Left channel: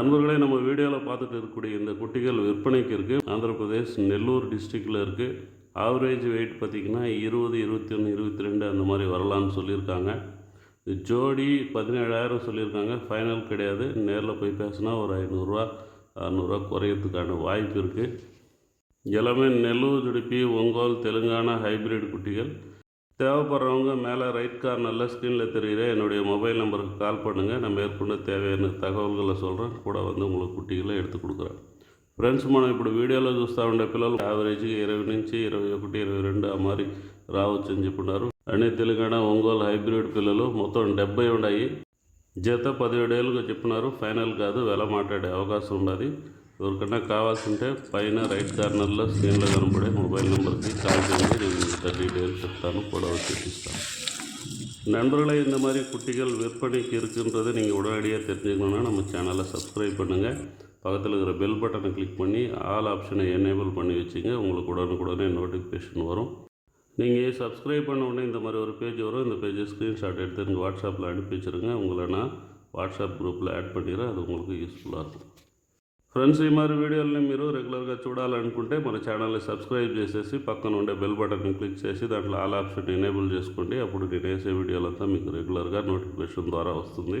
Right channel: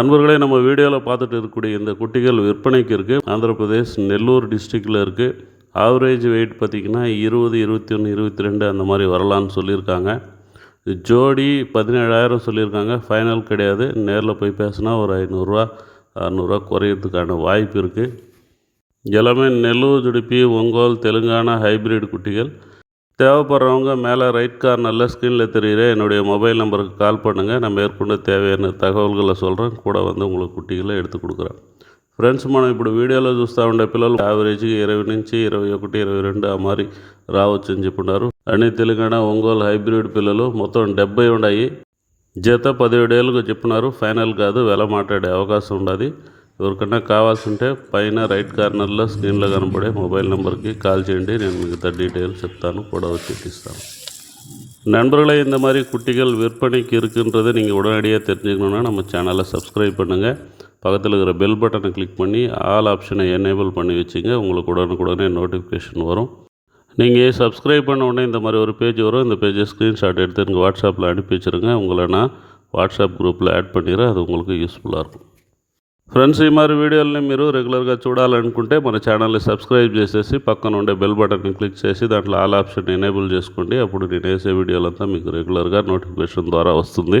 நண்பர்களே, நம்ம வீடியோவில் பார்த்துட்டு இருக்கக்கூடிய இந்த குட்டிகள் விற்பனைக்கு இருக்குது. ஆந்திர பிரதேஷ் நெல்லூர் டிஸ்ட்ரிக்டில் இருக்குது. ஆவரேஜ் வெயிட் பார்த்திங்கன்னா 20, 21, 22 அந்த மாதிரி வரலான்னு சொல்லியிருக்காங்க. ஜோடி 17,000 சொல்லியிருக்காங்க. ஃபைனல் கிடையாது. நேரில் போய் பேசினா ஒரு 500 600 குறையிறதுக்கான வாய்ப்பு இருக்குது. எல்லாமே நெல்லூர் ஜுடிப்பி, ஒங்கோல், தெலுங்கானா ஹைப்ரிட் குட்டிகள். தேவைப்படுறவங்க மேலே ரைட் கார்னரில் ஸ்க்ரீனில் தெரிகிற என்னுடைய மொபைல் நம்பருக்கு கால் பண்ணுங்கள். நான் மேற்கொண்டு தேவையான தகவல்களை சொல்கிறேன். கூட உங்களுக்கு కుట్టిகளை எடுத்து கொடுக்குறேன். ఫ్రెండ్స్, మనం ఇప్పుడు వీడియోలో చూస్తూ ఉండే పిల్లలు యావరేజ్గా 20 నుంచి 21, 22 ఆ మరి రావచ్చు అని చెప్పున్నారు. అన్ని తెలంగాణ ఒంగోలు హైబ్రిడ్ పిల్లలు మొత్తం 70 ఉన్నాయి. జత 17 ఏళ్ళకు చెప్పున్నారు. ఫైనల్ కాదు, వెల మాట్లాడే అవకాశం ఉండదు. ఎవరికన్నా కావాల్సి ఉంటే పైన రైట్ కార్నర్లో స్క్రీన్లో కనపడే మొబైల్ నెంబర్కి కాల్ చేయండి. నేను మిగతా డీటెయిల్స్ చెప్తాను, கூட வச்சு இస్తాను. நண்பர்களே, இந்த மாதிரி குட்டிகள் விற்பனைக்கு இருக்குன்றதை நீங்கள் உடனடியாக தெரிஞ்சுக்கணுன்னா நம்ம சேனலை சப்ஸ்கிரைப் பண்ணுங்கள். பக்கத்தில் இருக்கிற பெல் பட்டனை கிளிக் பண்ணி ஆல் ஆப்ஷனை எனேபிள் பண்ணி வச்சுங்க. உங்களுக்கு உடனுக்குடனே நோட்டிஃபிகேஷன் வரும். நீங்கள் சப்ஸ்கிரைப் பண்ண உடனே இந்த மாதிரி ஒரு பேஜ் வரும். இந்த பேஜை ஸ்க்ரீன்ஷாட் எடுத்து எனக்கு வாட்ஸ்அப்பில் அனுப்பி வச்சுருங்க. உங்களை நான் వాట్సాప్ గ్రూప్లో యాడ్ பண்ணிடுறேன். అది உங்களுக்கு యూస్ఫుల్గా இருக்கும். ఫ్రెండ్స్, ఈ మరి వీడియోలని మీరు రెగ్యులర్గా చూడాలనుకుంటే మన ఛానల్ని సబ్స్క్రైబ్ చేసేసి పక్కన ఉండే బెల్ బటన్ని క్లిక్ చేసి దాంట్లో ఆల్ ఆప్షన్ ఎనేబుల్ చేసుకోండి. అప్పుడు నేను వేసే వీడియోలంతా మీకు రెగ్యులర్గా నోటిఫికేషన్ ద్వారా వస్తుంది.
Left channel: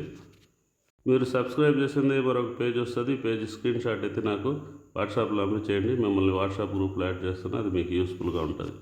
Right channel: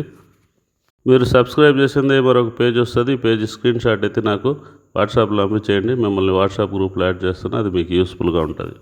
మీరు సబ్స్క్రైబ్ చేసిందే మరొక పేజ్ వస్తుంది. ఈ పేజ్ స్క్రీన్షాట్ అయితే నాకు వాట్సాప్లో పంపించేయండి. మిమ్మల్ని వాట్సాప్ గ్రూప్లో యాడ్ చేస్తున్నా. అది మీకు యూస్ఫుల్గా ఉంటుంది.